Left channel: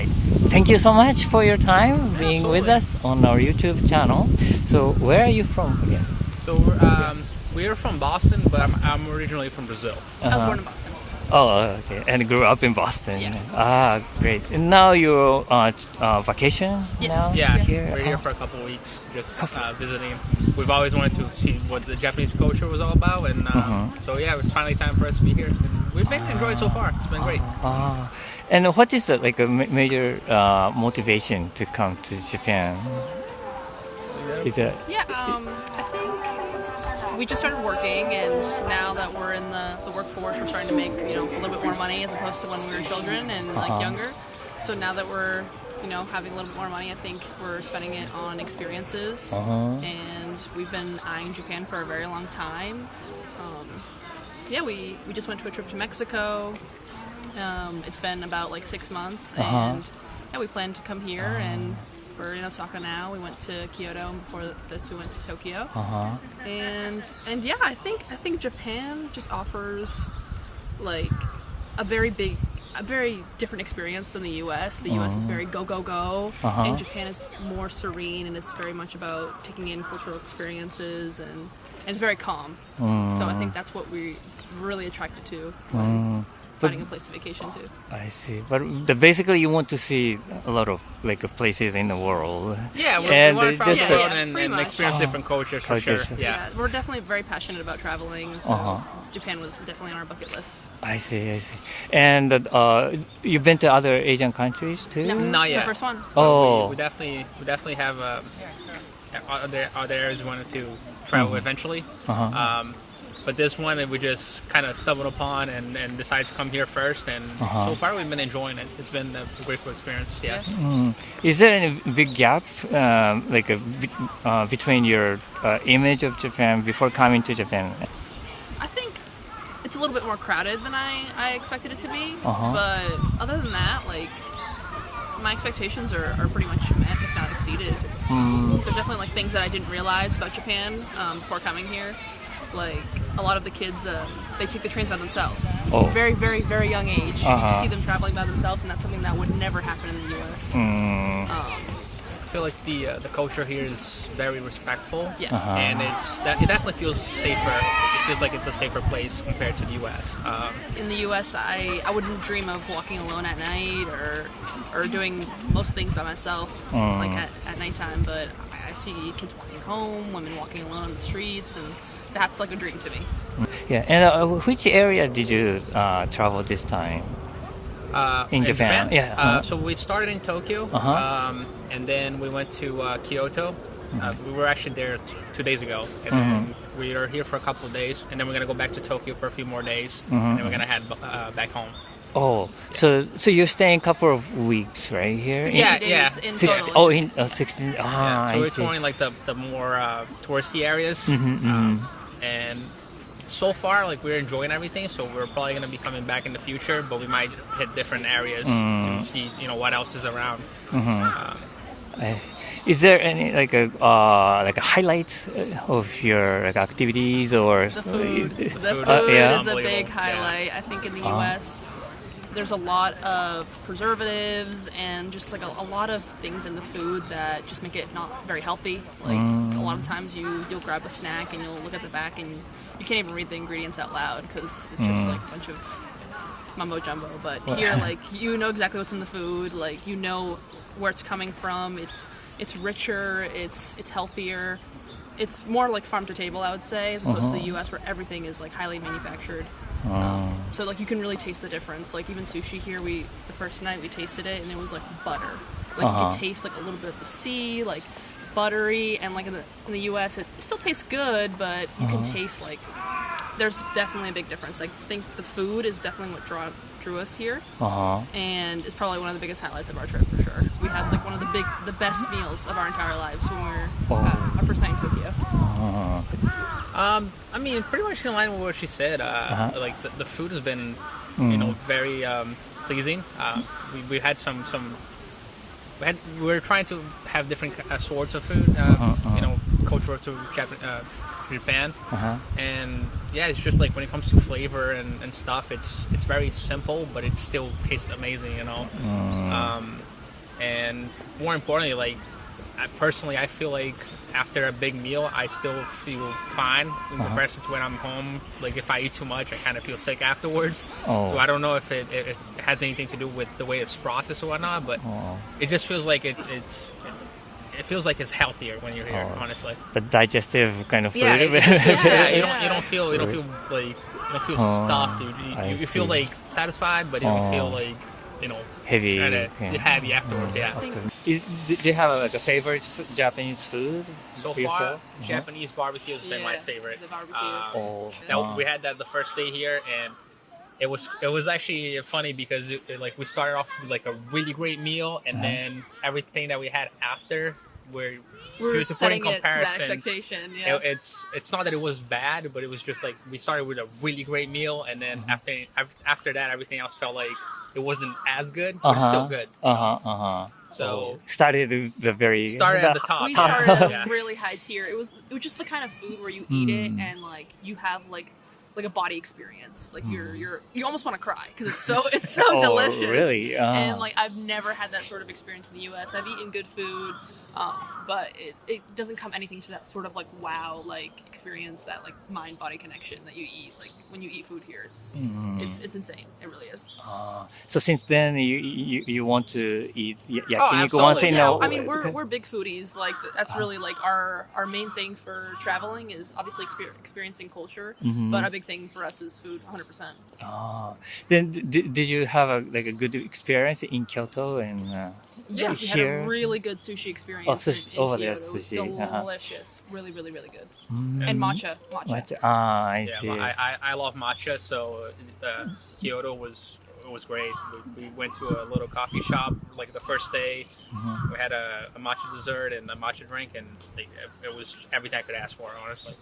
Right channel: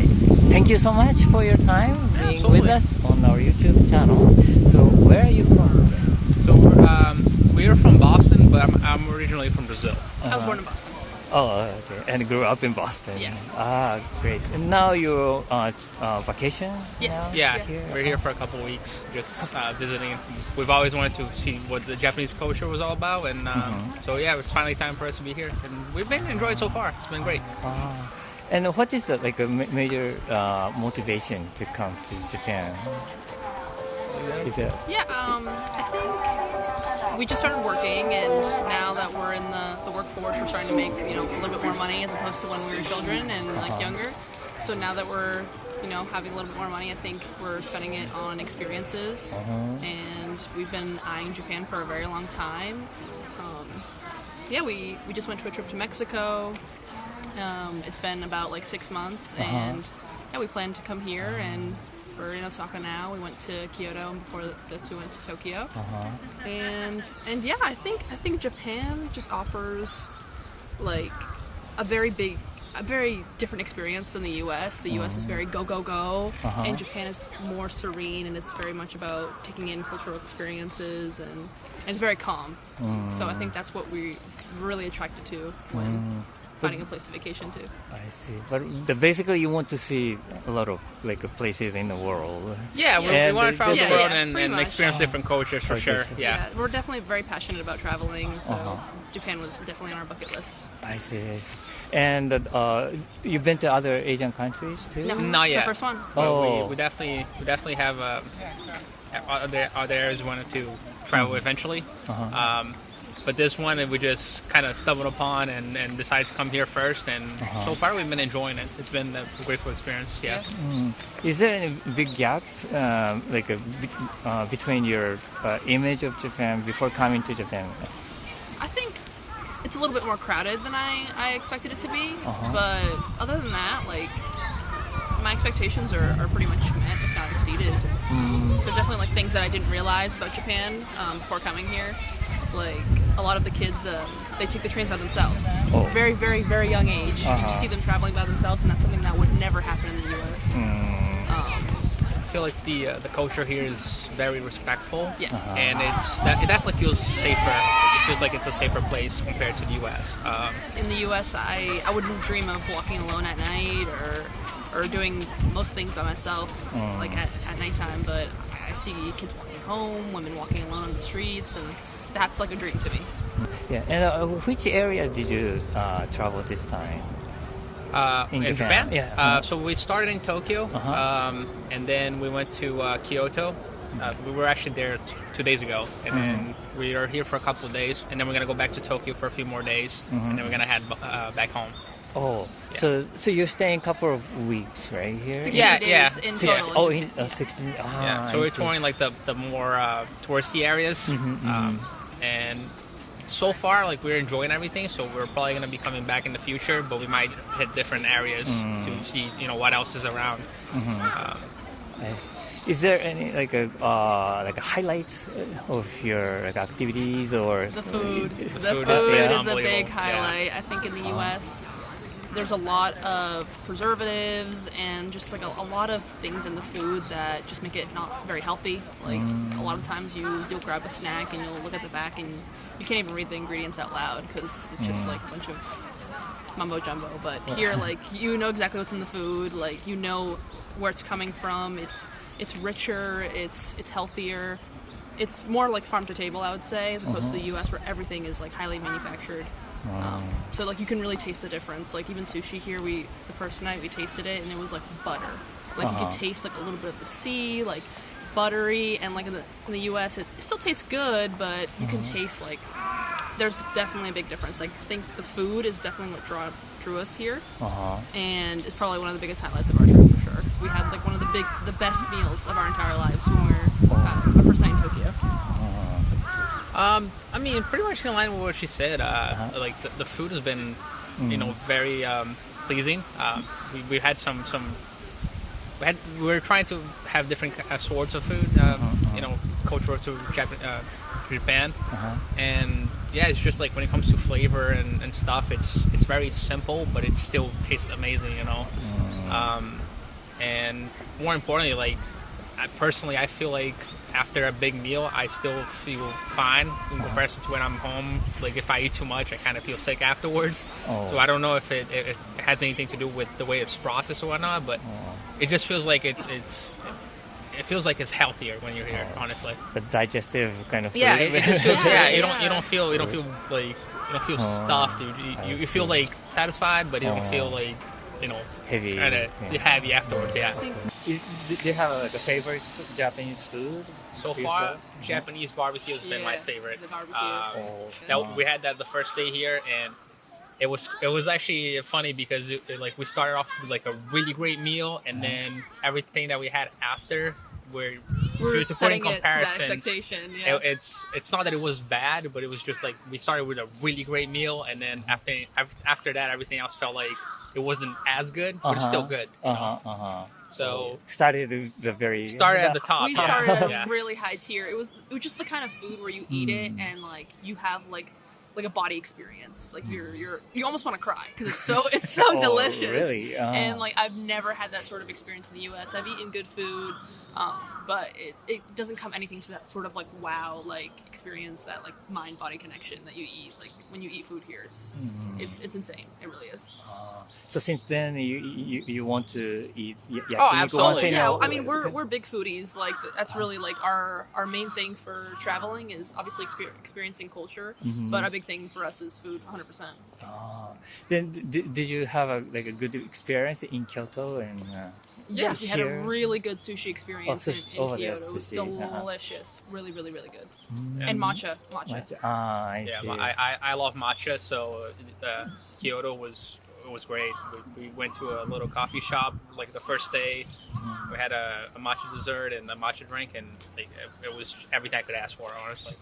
right. Thank you so much for your time being with us on our YouTube channel. So where are you from? So we're from Boston, but I'm originally from Brazil. I was born in Boston. Oh, okay. And grew up in Boston. Yeah. Ah, great. And now you're on vacation? Yes. Now? Yeah, Here? we're here for a couple weeks, just visiting. We've always wanted to see what the Japanese culture was all about, and so yeah, it's finally time for us to be here. And we've been enjoying it so far. It's been great. And what is the major motivation to come to Japan? Is it? Yeah, I think we just started working, and now that we're in the workforce, we're starting to make a little bit more money as opposed to when we were children and younger. So now that we're having a little bit more money, I think we're spending it on experiences. And we've been eyeing Japan for a very long time. We just went to a trip to Mexico. It's been about 6 months, and we plan to come here, and we're in Osaka now. We went to Kyoto, and before this we went to Tokyo. And yeah, I think Japan just offers a very different experience than the US. The US is very go go go, and Japan is more serene, and it's very much about taking in cultural experiences, and it's very calm. So I think that's what we really attracted to when finding a place to vacation to. I see. But basically you want to see a lot of places in the world. Yeah, we want to travel the world and experience different cultures for sure. Yeah, we're definitely very passionate about traveling, so Japan was definitely on our bucket list. I see. And you've been to other Asian countries too? No, not it's yet. the first one. We definitely have other areas we wanted to travel eventually. But this one we just kind of stumbled upon and decided to come here first, and so far we've been enjoying it. It's been a grateful experience. Yeah. Is there any big gap between your image of Japan before coming to Japan? I think it's a little bit more crowded than I expected it to be, but other than that, my expectations are pretty much met, if not exceeded. There's definitely things that I didn't realize about Japan before coming here. A lot of the kids, they take the trains by themselves. Very, very, very young age. You see them traveling by themselves, and that's something that would never happen in the U.S. I feel like the culture here is very respectful, and it definitely feels safer. It feels like it's a safer place compared to the U.S. In the U.S., I wouldn't dream of walking alone at night or doing most things by myself, at nighttime. But I see kids walking home, women walking alone on the streets, and that's a dream to me. Yeah, and which area did you travel this time? In Japan? Yeah. So we started in Tokyo, and then we went to Kyoto. We were actually there 2 days ago, and then we are here for a couple of days, and then we're going to go back to Tokyo for a few more days, and then we're going to head back home. Oh, yeah. So you're staying a couple of weeks right here? 16 days in total. 16. So we're touring the more touristy areas, and so far we're enjoying everything. So we're probably going to be coming back in the future, but we might hit different areas to see what else is around. Is there any a highlight of your activities or the food? The food is a big highlight. Yeah. I think in the U.S. there's a lot of preservatives and just a lot of things in the food that just make it not very healthy. A lot of times you'll grab a snack and you'll look at the back and you can't even read the ingredients out loud because it's just a bunch of mumbo jumbo. But here, you know exactly what's in the food. You know where it's coming from. It's richer. It's healthier. It's more farm to table, I would say, as opposed to the U.S. where everything is highly manufactured. So you can really taste the difference. Even sushi here, the first night we tasted it and it was butter. You can taste a little bit of the sea, buttery, and in the U.S. it still tastes good, but you can taste there's definitely a big difference. I think the food is definitely what drew us here, and it's probably one of the biggest highlights of our trip for sure. We had one of the best meals of our entire lives when we were our first night in Tokyo. I mean, pretty much in line with what she said. The food has been, very pleasing. We had we were trying to have different sorts of food, cultural to Japan, and yeah, it's just like when it comes to flavor and stuff, it's very simple, but it still tastes amazing, you know. And more importantly, like I feel like after a big meal, I still feel fine in comparison to when I'm home. Like if I eat too much, I kind of feel sick afterwards. So I don't know if it has anything to do with the way it's processed or whatnot, but it just feels like it feels like it's healthier when you're here, honestly. The digestive kind of food. Yeah, it just feels, you don't feel like you don't feel stuffed. You feel like satisfied, but you don't feel like heavy. Kind of heavy afterwards. Yeah. Do you have like a favorite Japanese food? So far, Japanese barbecue has been my favorite. The barbecue. We had that the first day here, and it was actually funny because we started off with like a really great meal, and then everything that we had after we're setting it to that expectation. Yeah. It's not that it was bad, but it was just like we started with a really great meal, and then after that, everything else felt like it wasn't as good, but it's still good. So started at the top. We started at a really high tier. It was just the kind of food where you eat it and like you have like a body experience. Like you almost want to cry because it's so delicious. Really? And like I've never had that sort of experience in the U.S. I've eaten good food, but it doesn't come anything to that sort of like wow like experience, that like mind body connection that you eat like when you eat food here. It's insane. It really is. So since then you want to eat yakiniku? Absolutely. Yeah, I mean we're big foodies. Like that's really like our main thing for traveling is obviously experiencing culture, but a big thing for us is food. 100%. Then did you have a good experience in Kyoto and? Yes, we had a really good sushi experience in Kyoto. There, it was delicious. Really, really, really good. Mm-hmm. And matcha. I see. I love matcha, so Kyoto was great. We went to a little coffee shop like the first day. We had a matcha dessert and a matcha drink, and it was everything I could ask for, honestly.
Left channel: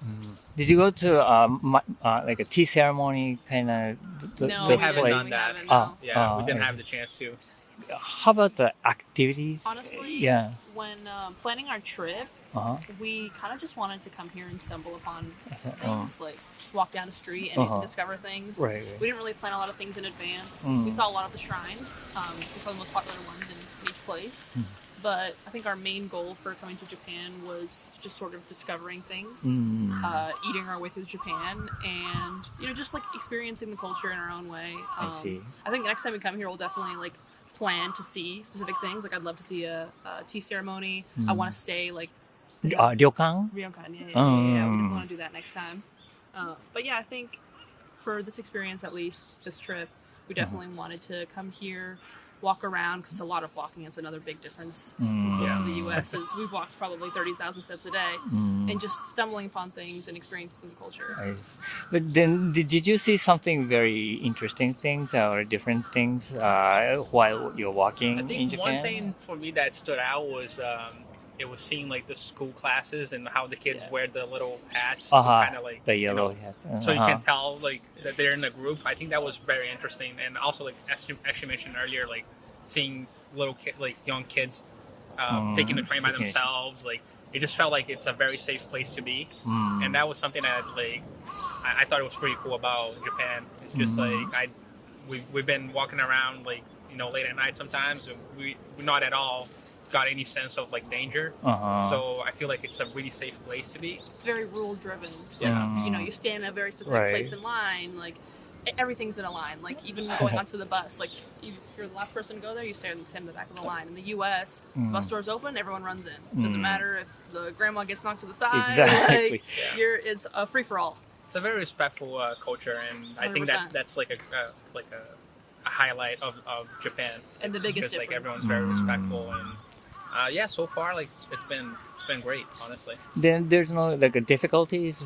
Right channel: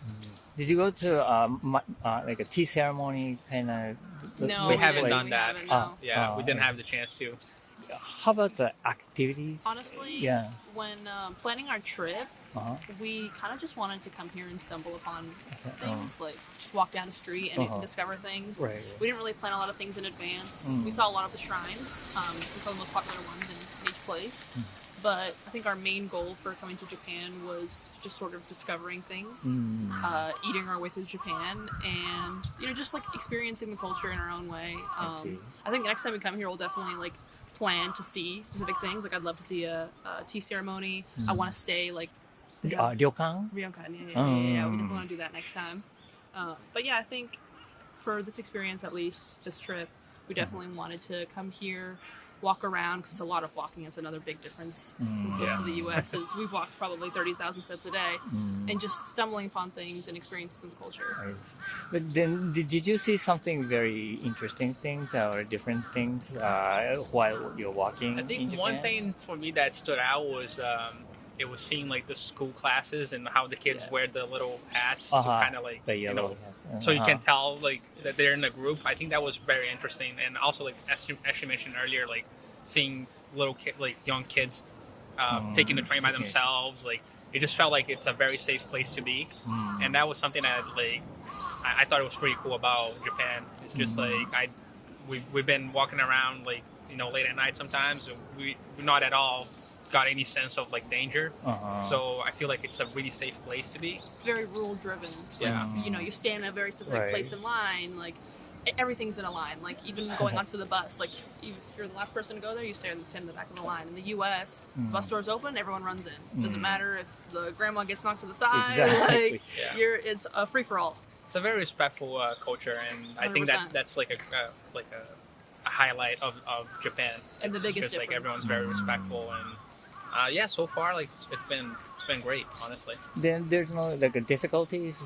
Did you go to like a tea ceremony kind of? No, we haven't done that. We didn't okay. have the chance to. How about the activities? Honestly, when planning our trip, we kind of just wanted to come here and stumble upon things, like just walk down the street and discover things. Right. We didn't really plan a lot of things in advance. We saw a lot of the shrines, the most popular ones in each place. But I think our main goal for coming to Japan was just sort of discovering things, eating our way through Japan, and just like experiencing the culture in our own way. I think next time we come here, we'll definitely like plan to see specific things. Like I'd love to see a tea ceremony. I want to stay like ryokan. Yeah, we definitely want to do that next time. But yeah, I think for this experience, at least this trip, we definitely wanted to come here, walk around, because it's a lot of walking. It's another big difference in most of the U.S. is we've walked probably 30,000 steps a day, and just stumbling upon things and experiencing the culture. But then, did you see something very interesting things or different things while you're walking? I think in Japan? one thing for me that stood out was it was seeing like the school classes and how the kids wear the little hats to kind of like the yellow hats. So you can tell like that they're in a group. I think that was very interesting, and also like as you mentioned earlier, like seeing young kids taking the train by themselves. Like it just felt like it's a very safe place to be, and that was something that like I thought it was pretty cool about Japan. It's just like we've been walking around like late at night sometimes, and we're not at all got any sense of like danger. So I feel like it's a really safe place to be. It's very rule driven. Yeah. You stand in a very specific place in line. Like everything's in a line. Like even going onto the bus, like if you're the last person to go there, you stand in the back of the line. In the U.S., bus doors open, everyone runs in. Doesn't matter if the grandma gets knocked to the side. Exactly. Like, it's a free for all. It's a very respectful culture, and I think that's like a highlight of Japan. And it's the biggest just like difference. everyone's very respectful, and so far like it's been great, honestly. Then there's no like difficulties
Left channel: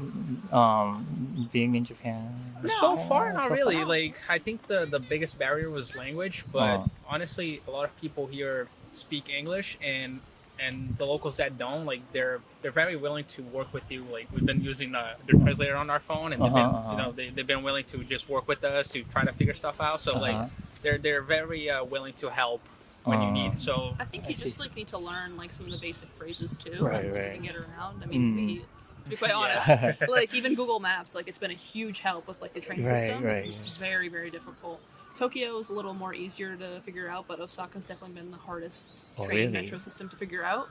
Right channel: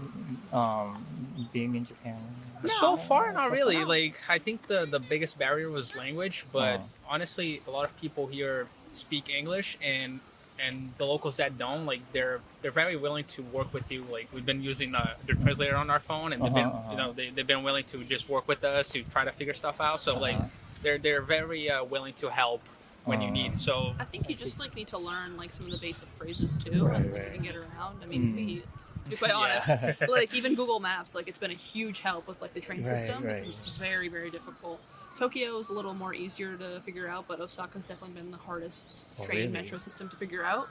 being in Japan. No, so far not really. Like I think the biggest barrier was language, but honestly a lot of people here speak English, and the locals that don't, like they're very willing to work with you. Like we've been using the translator on our phone, and they've been they've been willing to just work with us to try to figure stuff out. So like they're very willing to help when you need. So I think you just like need to learn like some of the basic phrases too, and you can get around. I mean, to be quite honest. Like even Google Maps, like it's been a huge help with like the train system. Right. It's very, very difficult. Tokyo is a little more easier to figure out, but Osaka's definitely been the hardest train metro system to figure out.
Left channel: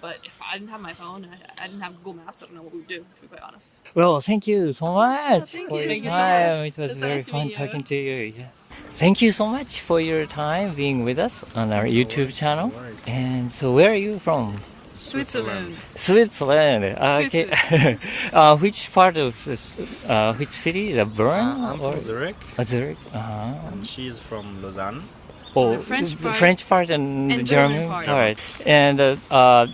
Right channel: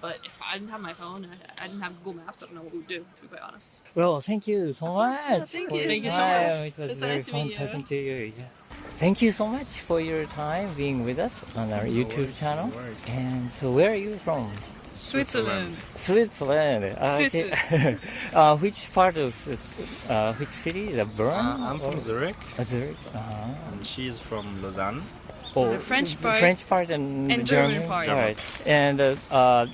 But if I didn't have my phone and I didn't have Google Maps, I don't know what we would do, to be quite honest. Well, thank you so much. Thank you. Thank you so It It's was so very nice to fun meet you. talking to you. Yes. Thank you so much for your time being with us on our YouTube channel. And so where are you from? Switzerland. Switzerland. Okay. Which part of which city? The Bern? I'm from Zurich, Zurich. and she's from Lausanne. Oh, The French part French part and the and German German part. part. And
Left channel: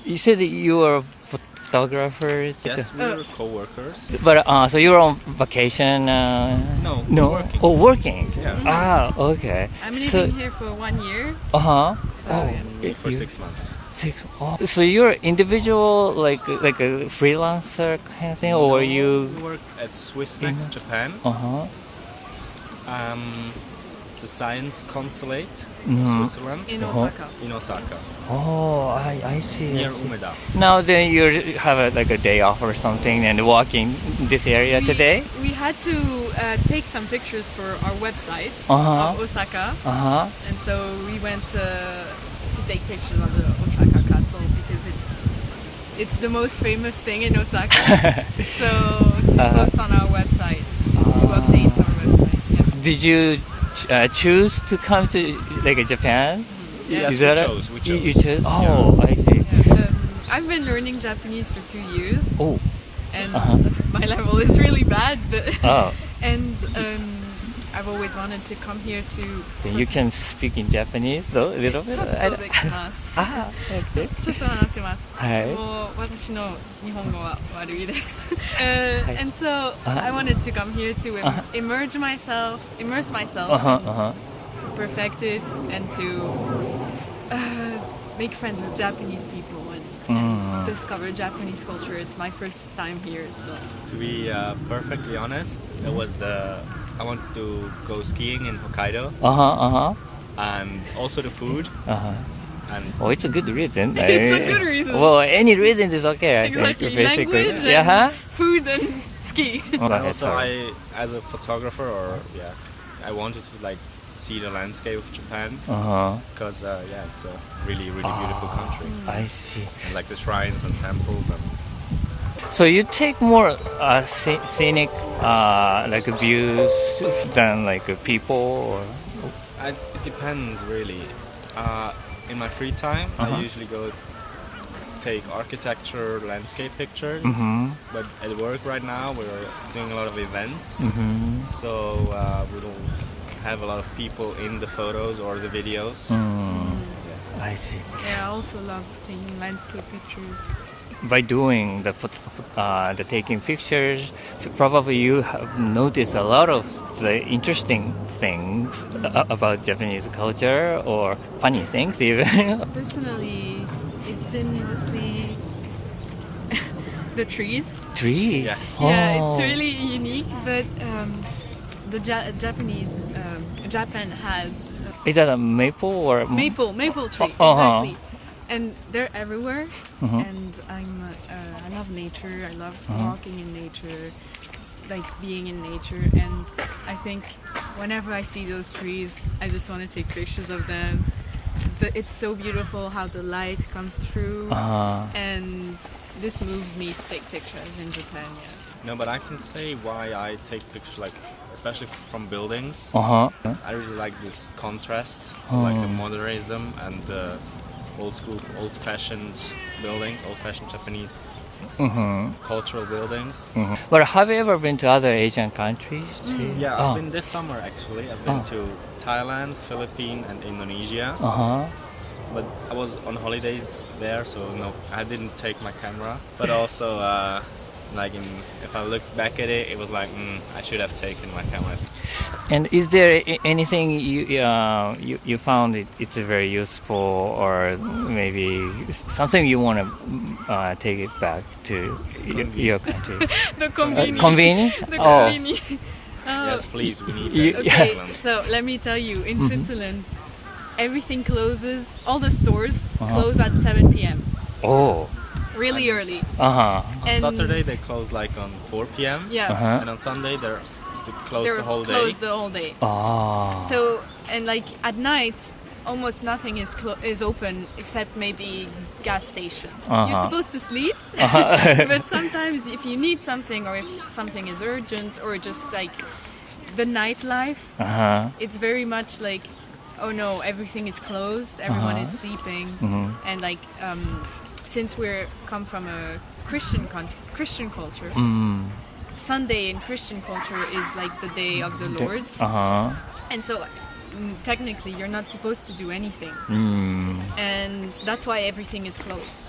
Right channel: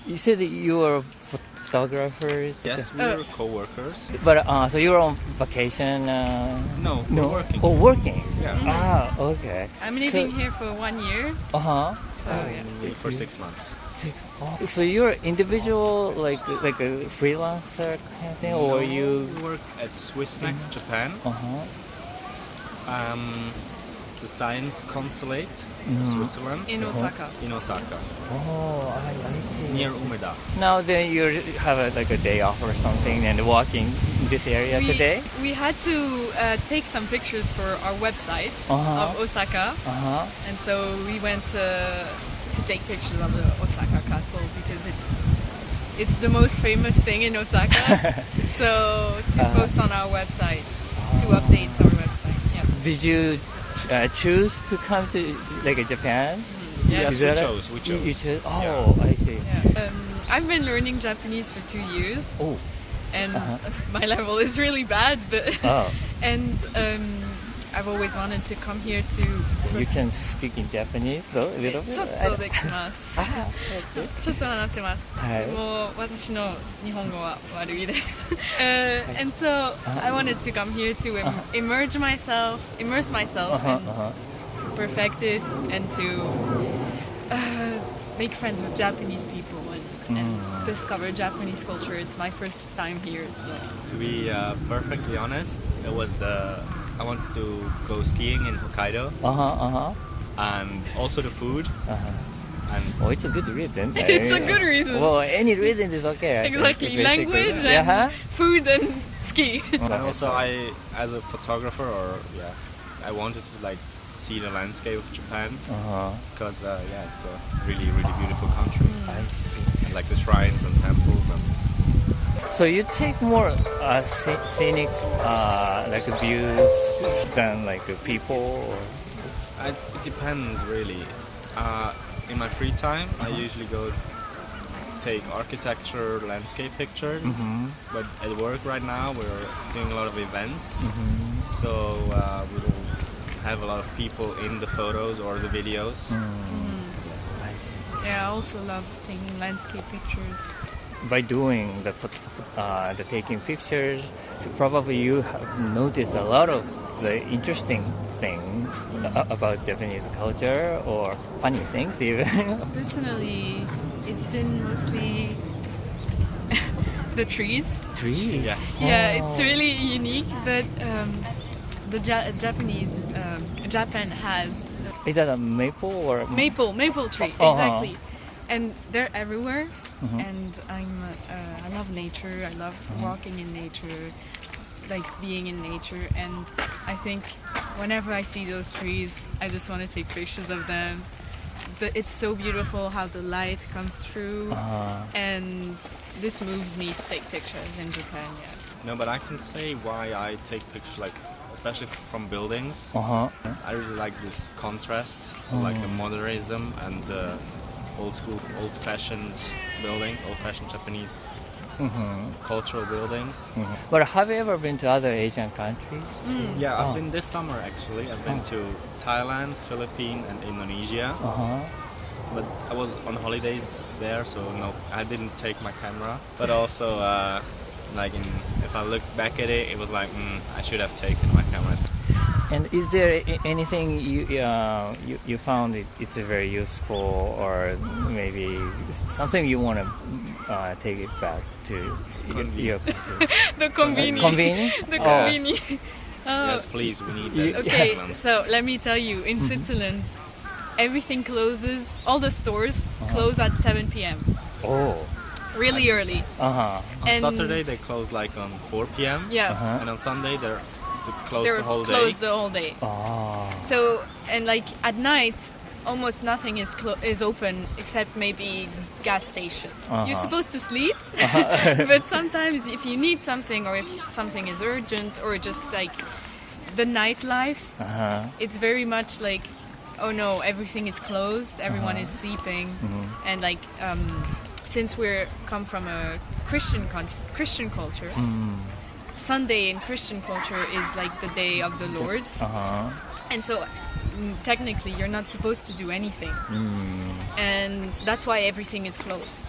you said that you were photographers. Yes, we were co-workers. But so you're on vacation? No, No. we're working. Oh, working. Yeah. Okay. I'm living here for 1 year. Uh-huh. So, yeah. For 6 months. So you're individual, like a freelancer kind of thing, or No, you? we work at Swiss Next Japan. It's a science consulate in Switzerland, In Osaka. in Osaka, Oh, I see. near Umeda. Now then you have like a day off or something and walking this area today? We had to take some pictures for our website of Osaka, and so we went to take pictures of the Osaka castle because it's the most famous thing in Osaka. So to post on our website, to update our website. Yeah. Did you choose to come to like Japan? Yes, Is we that chose, we You chose. chose? Oh, I see. Yeah. I've been learning Japanese for 2 years, Oh, and my level is really bad. But oh. and I've always wanted to come here to. Then you can speak in Japanese though, a little bit? ちょっとできます。ちょっと話せます。はい。もう私の日本語は悪いです。And so I wanted to come here to immerse myself and to perfect it and to make friends with Japanese people and discover Japanese culture. It's my first time here, so. To be perfectly honest, I wanted to go skiing in Hokkaido, and also the food. And Oh, it's a good reason. It's a good reason. Well, any reason is okay. I Exactly, think, basically. language Yeah. and food and ski. And also, as a photographer, I wanted to like see the landscape of Japan because it's a really, really beautiful country. I see. And like the shrines and temples and. So you take more scenic like views than like people, or? It depends really. In my free time, I usually go take architecture, landscape pictures. But at work right now, we're doing a lot of events, so we don't have a lot of people in the photos or the videos. I see. Yeah, I also love taking landscape pictures. By doing the taking pictures, probably you have noticed a lot of the interesting things about Japanese culture or funny things even. Personally, it's been mostly the trees. Trees. Yes. Yeah, Oh. it's really unique, but the Japanese Japan has Is that a maple or maple tree, exactly, and they're everywhere. And I love nature. I love walking in nature, like being in nature. And I think whenever I see those trees, I just want to take pictures of them. It's so beautiful how the light comes through, and this moves me to take pictures in Japan. Yeah. No, but I can say why I take pictures, like especially from buildings. I really like this contrast, like the modernism and the old-fashioned buildings, old-fashioned Japanese cultural buildings. But have you ever been to other Asian countries? Too? Yeah, I've been this summer actually. I've been to Thailand, Philippines, and Indonesia. But I was on holidays there, so no, I didn't take my camera. But also, if I look back at it, it was like I should have taken my camera. And is there anything you found it's very useful, or maybe something you want to take it back to your country? The convenience. Convenient? The convenience. Yes, please, we need that. Okay, so let me tell you, in Switzerland, everything closes, all the stores close at 7 p.m. Oh. Really early. And Saturday they close like on 4 p.m. Yeah. And on Sunday they're closed They're the whole day. closed the whole day. Ah. So, and like at night, almost nothing is open except maybe gas station. You're supposed to sleep, but sometimes if you need something or if something is urgent or just like the nightlife, it's very much like, oh no, everything is closed, everyone is sleeping, and like since we come from a Christian culture, Sunday in Christian culture is like the day of the Lord, and so technically you're not supposed to do anything, and that's why everything is closed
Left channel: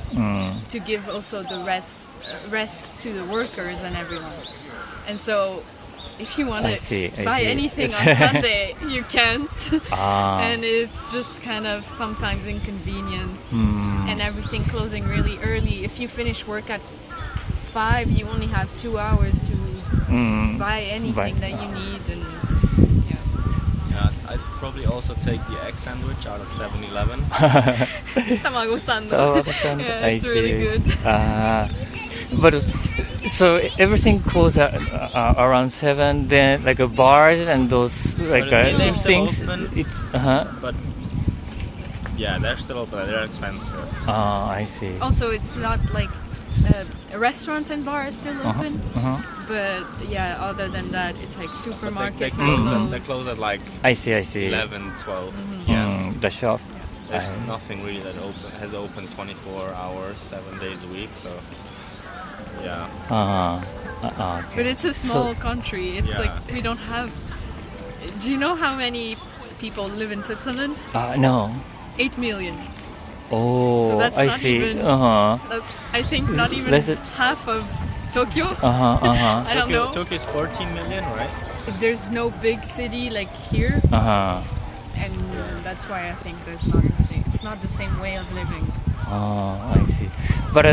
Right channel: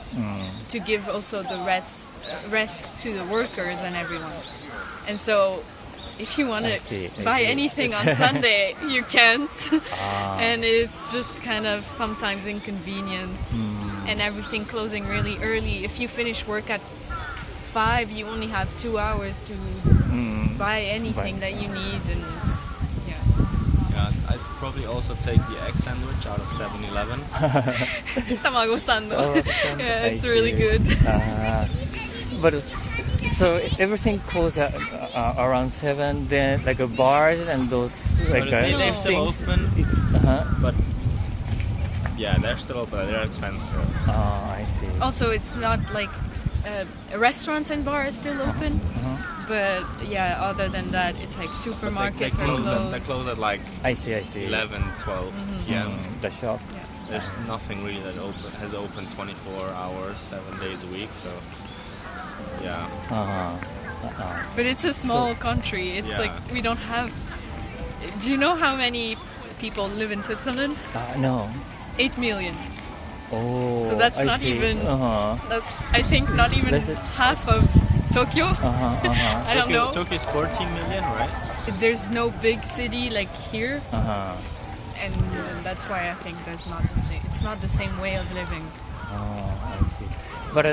to give also the rest to the workers and everyone. And so if you want to buy anything on Sunday, you can't, and it's just kind of sometimes inconvenient, and everything closing really early. If you finish work at 5, you only have 2 hours to buy anything that you need, and I'd probably also take the egg sandwich out of 7-Eleven. Tamago sando. Yeah, it's really good. But so everything closes around 7. Then like bars and those like they're still things. open. But yeah, they're still open. They're expensive. Oh, I see. Also, it's not like restaurants and bars still open, but yeah, other than that, it's like supermarkets They close at like I see. 11, 12. The shop. There's nothing really that has open 24 hours, 7 days a week. So yeah. But it's a small country. It's like we don't have. Do you know how many people live in Switzerland? No. 8 million. Oh, So that's I not see. even. That's, I think not even half of Tokyo. I don't know. Tokyo is 14 million, right? There's no big city like here, and that's why I think there's not the same. It's not the same way of living. Oh, I see. But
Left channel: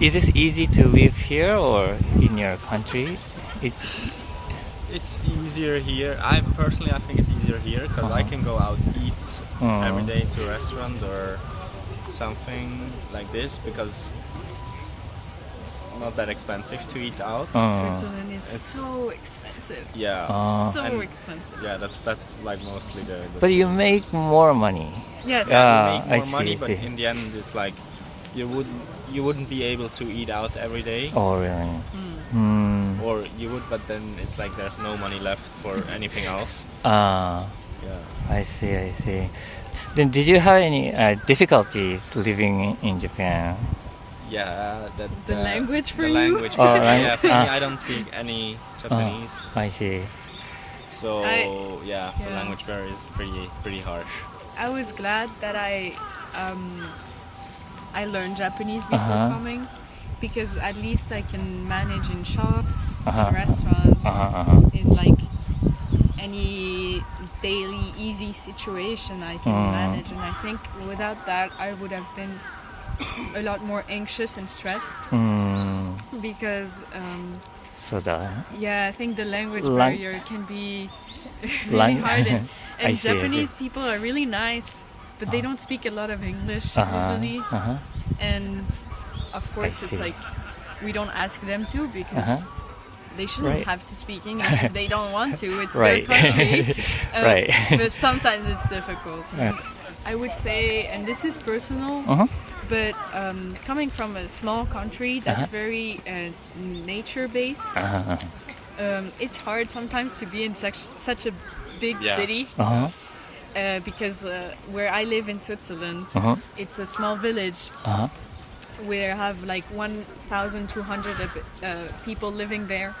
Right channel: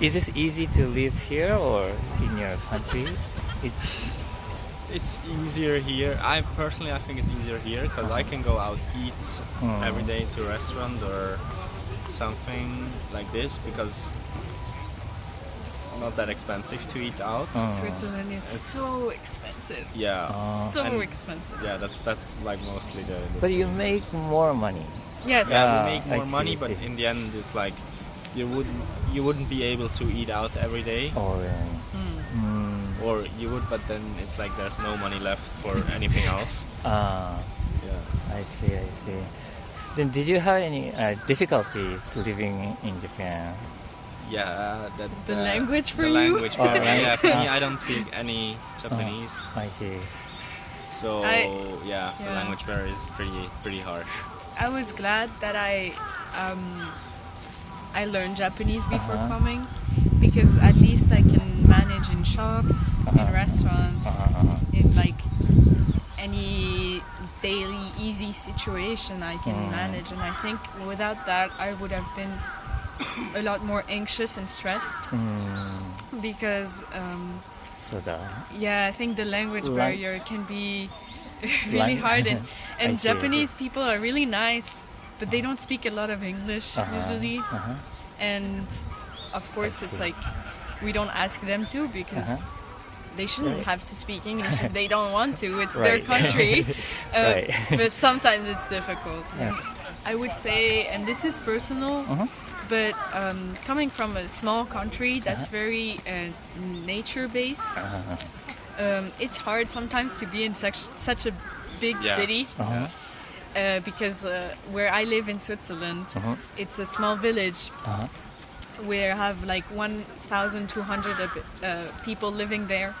is this easy to live here or in your country? It's easier here. I think it's easier here because I can go out eat every day to a restaurant or something like this because it's not that expensive to eat out. Switzerland is so expensive. Yeah, So expensive. yeah. That's like mostly the. But you make more money. Yes. You make more I money, see, but see. in the end, it's like you wouldn't be able to eat out every day. Oh, really? Or you would, but then it's like there's no money left for anything else. Yeah. I see. Then did you have any difficulties living in Japan? Yeah, The language for the you? language. Oh, right. Yeah, for me, I don't speak any Japanese, I see. so the yeah. language barrier is pretty harsh. I was glad that I learned Japanese before coming, because at least I can manage in shops, in restaurants, in like any daily easy situation I can manage. And I think without that I would have been a lot more anxious and stressed, because I think the language barrier can be really hard, and Japanese people are really nice, but they don't speak a lot of English usually, and of course it's like we don't ask them to, because they shouldn't have to speak English if they don't want to. It's their country. But sometimes it's difficult. I would say, and this is personal, but coming from a small country that's very nature-based, it's hard sometimes to be in such a big city. Because where I live in Switzerland, it's a small village. We have like 1,200 people living there,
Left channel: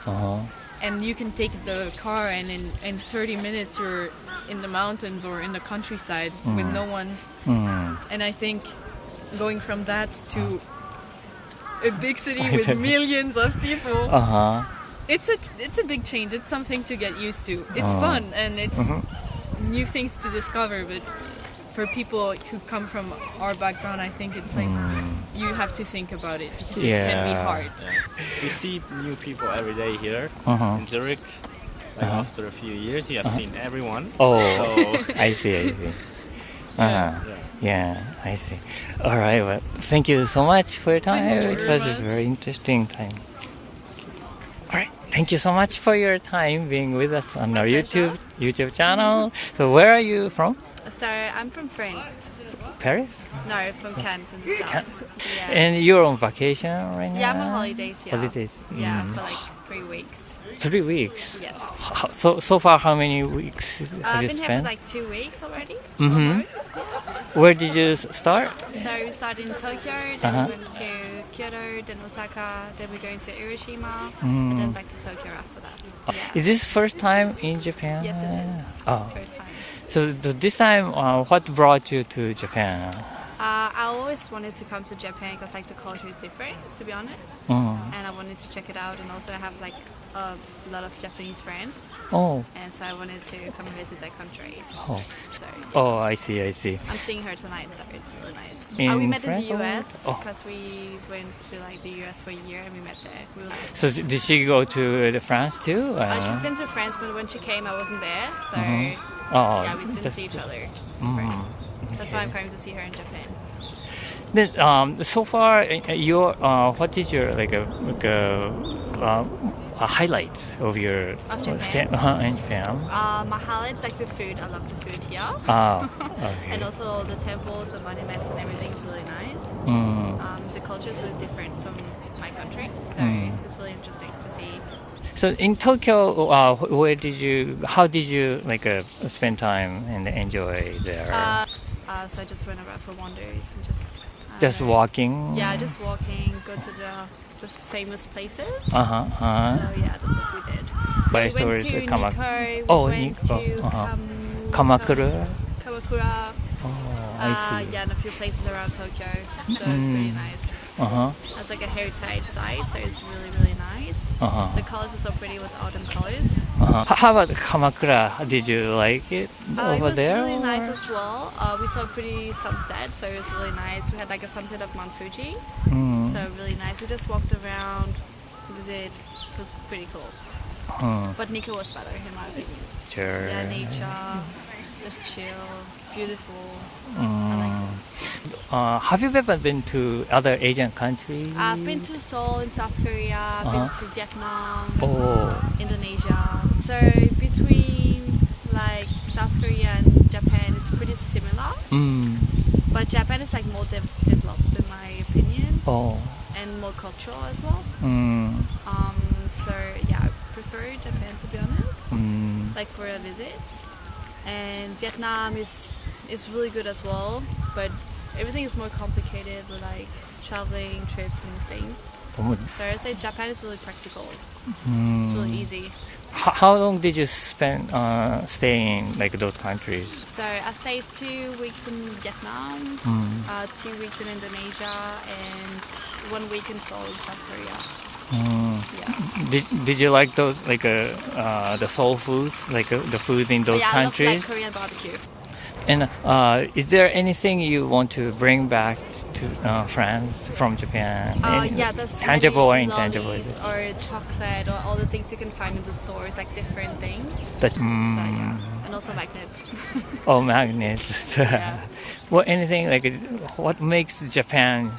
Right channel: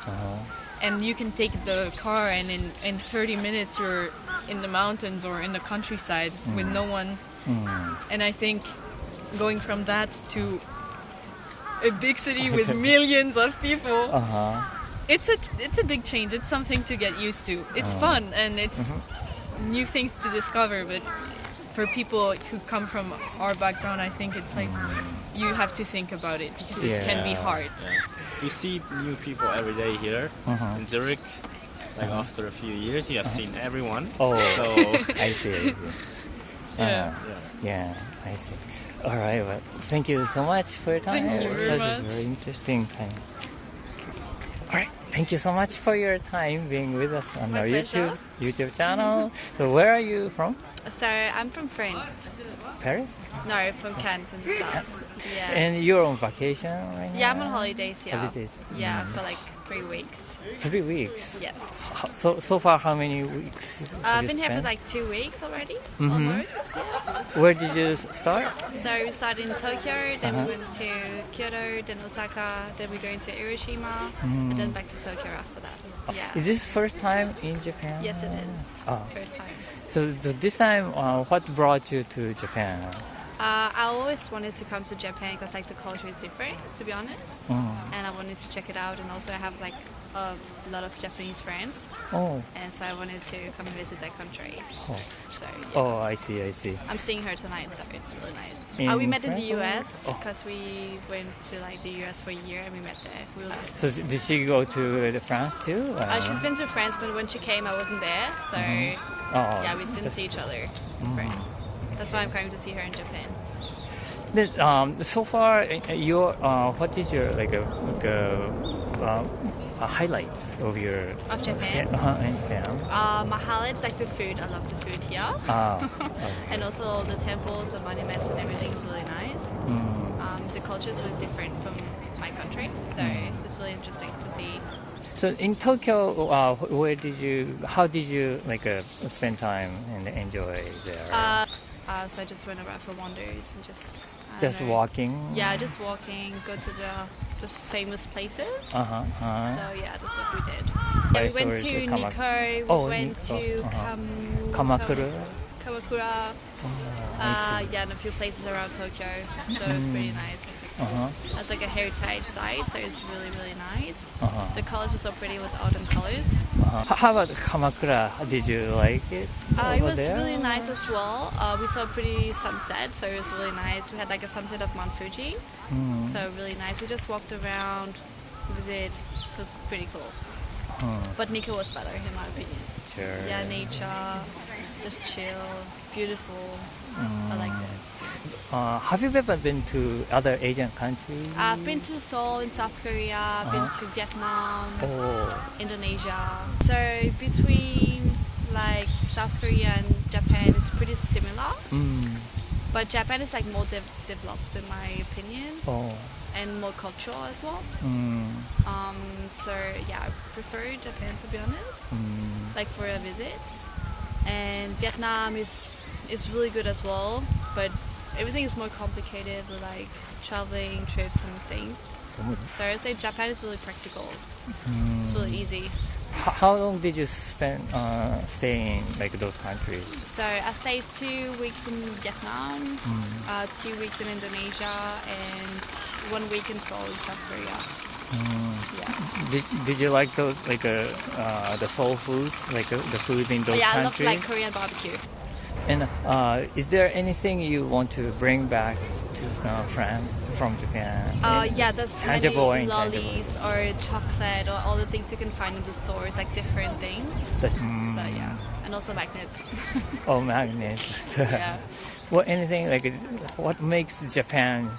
and you can take the car, and in 30 minutes you're in the mountains or in the countryside with no one. And I think going from that to a big city with millions of people, it's a big change. It's something to get used to. It's fun, and it's new things to discover, but for people who come from our background, I think it's like you have to think about it, because it can be hard. You see new people every day here in Zurich. Like after a few years, you have seen everyone. Oh, so I see. Yeah, I see. All right. Well, thank you so much for your time. Thank you It very was much. very interesting time. All right. Thank you so much for your time being with us on our pleasure. YouTube channel. So where are you from? So I'm from France. Paris? No, from Cannes in the south. Yeah. And you're on vacation right now? Yeah, I'm on holidays here. Holidays. Yeah, for like 3 weeks. 3 weeks. Yes. So far, how many weeks have I've you been here spent? for like 2 weeks already, Mhm. almost. Yeah. Where did you start? So we started in Tokyo, then Uh-huh. we went to Kyoto, then Osaka, then we're going to Hiroshima, Mm. and then back to Tokyo after that. Yeah. Is this first time in Japan? Yes, it is. Oh. First time. So this time, what brought you to Japan? I always wanted to come to Japan because like the culture is different, to be honest, Mm. and I wanted to check it out. And also I have like a lot of Japanese friends, Oh. and so I wanted to come and visit their countries. Oh. So yeah. Oh, I see. I'm seeing her tonight, so it's really nice. In We met in the France? US Oh. because we went to like the US for a year and we met there. We were, So did she go to France too? she's been to France, but when she came, I wasn't there, so Oh, yeah, we didn't that's- see each other in France. That's why I'm coming to see her in Japan. Then, so far, what is your highlights of your Of Japan? stay in Japan? My highlights like the food. I love the food here. Okay. And also the temples, the monuments, and everything is really nice. The culture is really different from my country, so it's really interesting to see. So in Tokyo, how did you spend time and enjoy there? So I just went around for wanders and just I don't Just know. walking? Yeah, just walking. Go to the famous places. Uh-huh. So yeah, that's what we did. Yeah, we went to Nikko. We went to Kamakura? Kamakura. I see. Yeah, and a few places around Tokyo. So it was pretty nice. Uh-huh. It's like a heritage site, so it's really, really nice. Uh-huh. The colors were so pretty with autumn colors. Uh-huh. How about Kamakura? Did you like it over It was there? really nice as well. We saw a pretty sunset, so it was really nice. We had like a sunset of Mount Fuji, so really nice. We just walked around, visit. It was pretty cool. But Nikko was better, in my opinion. Sure. Yeah, nature, just chill, beautiful. I liked it. Have you ever been to other Asian countries? I've been to Seoul in South Korea, I've been to Vietnam, Indonesia. So between like South Korea and Japan, it's pretty similar. But Japan is like more developed in my opinion, and more cultural as well. So yeah, I prefer Japan to be honest, like for a visit. And Vietnam is really good as well, but everything is more complicated with like traveling, trips and things. So I'd say Japan is really practical. It's really easy. How long did you spend staying in those countries? So I stayed 2 weeks in Vietnam, 2 weeks in Indonesia, and 1 week in Seoul in South Korea. Yeah. Did you like those the soul foods, the food in those Yeah, I love countries? like Korean barbecue. And is there anything you want to bring back to France from Japan? Yeah, there's tangible or many intangible? lollies or chocolate or all the things you can find in the stores, like different things. That's, So yeah, and also magnets. Oh, magnets. Yeah. Well, anything what makes Japan?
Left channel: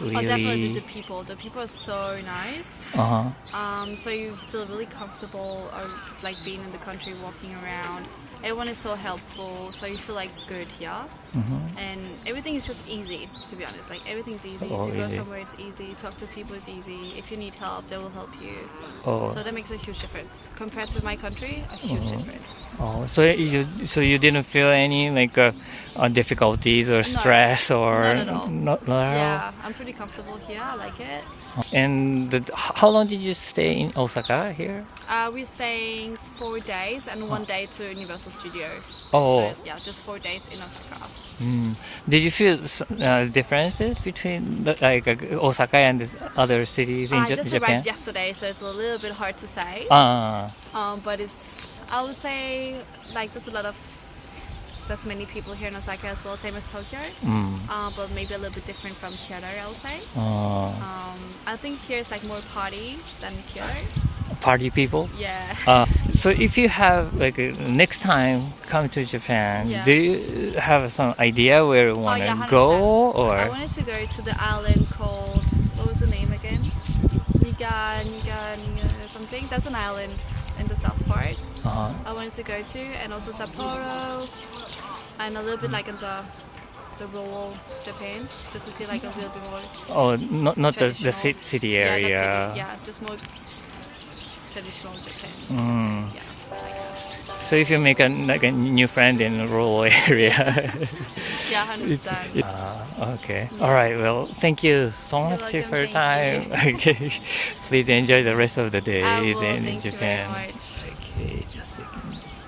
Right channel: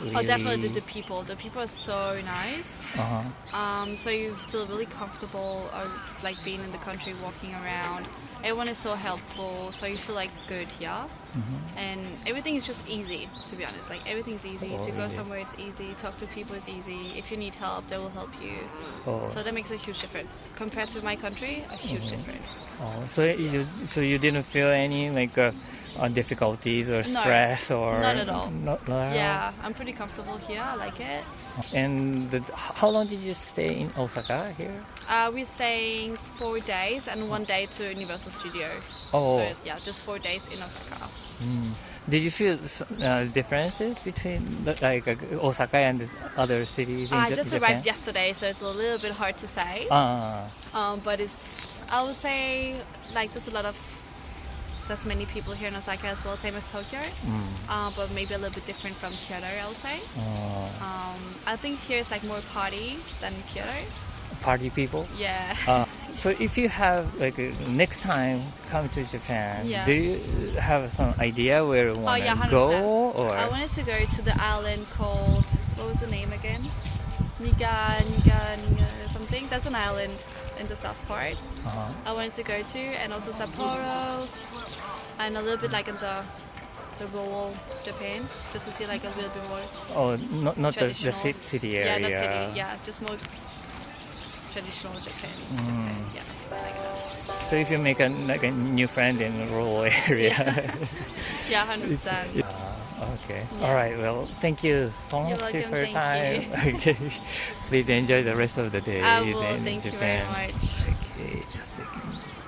Really? Oh, definitely the people. The people are so nice. So you feel really comfortable, like being in the country, walking around. Everyone is so helpful, so you feel like good here. And everything is just easy, to be honest. Like everything's easy. To go easy. somewhere, it's easy. Talk to people is easy. If you need help, they will help you. So that makes a huge difference compared to my country. A huge difference. So you didn't feel any difficulties or stress or not at all. Not at all? Yeah, I'm pretty comfortable here. I like it. And how long did you stay in Osaka here? We're staying 4 days and 1 day to Universal Studio. Oh. So yeah, just 4 days in Osaka. Did you feel differences between Osaka and the other cities in I Japan? just arrived yesterday, so it's a little bit hard to say. But I would say there's many people here in Osaka as well, same as Tokyo. But maybe a little bit different from Kyoto, I would say. I think here is like more party than Kyoto. Party people? Yeah. So if you have like next time come to Japan, Yeah. do you have some idea where you want to 100%. go? Or I wanted to go to the island called, what was the name again? Niga something. That's an island in the south part. uh-huh. I wanted to go to, and also Sapporo, and a little bit like in the rural Japan, just to see like a little bit more. Oh, not the Traditional. city Yeah, area. not city. Yeah, just more traditional Japan. Mm. Yeah, like that. So if you make a new friend in a rural area. Yeah, 100%. Okay. Yeah. All right. Well, thank you so You're much welcome, for your time. thank Okay. Please enjoy the rest of the day I will. in Thank Japan. you very much. Okay.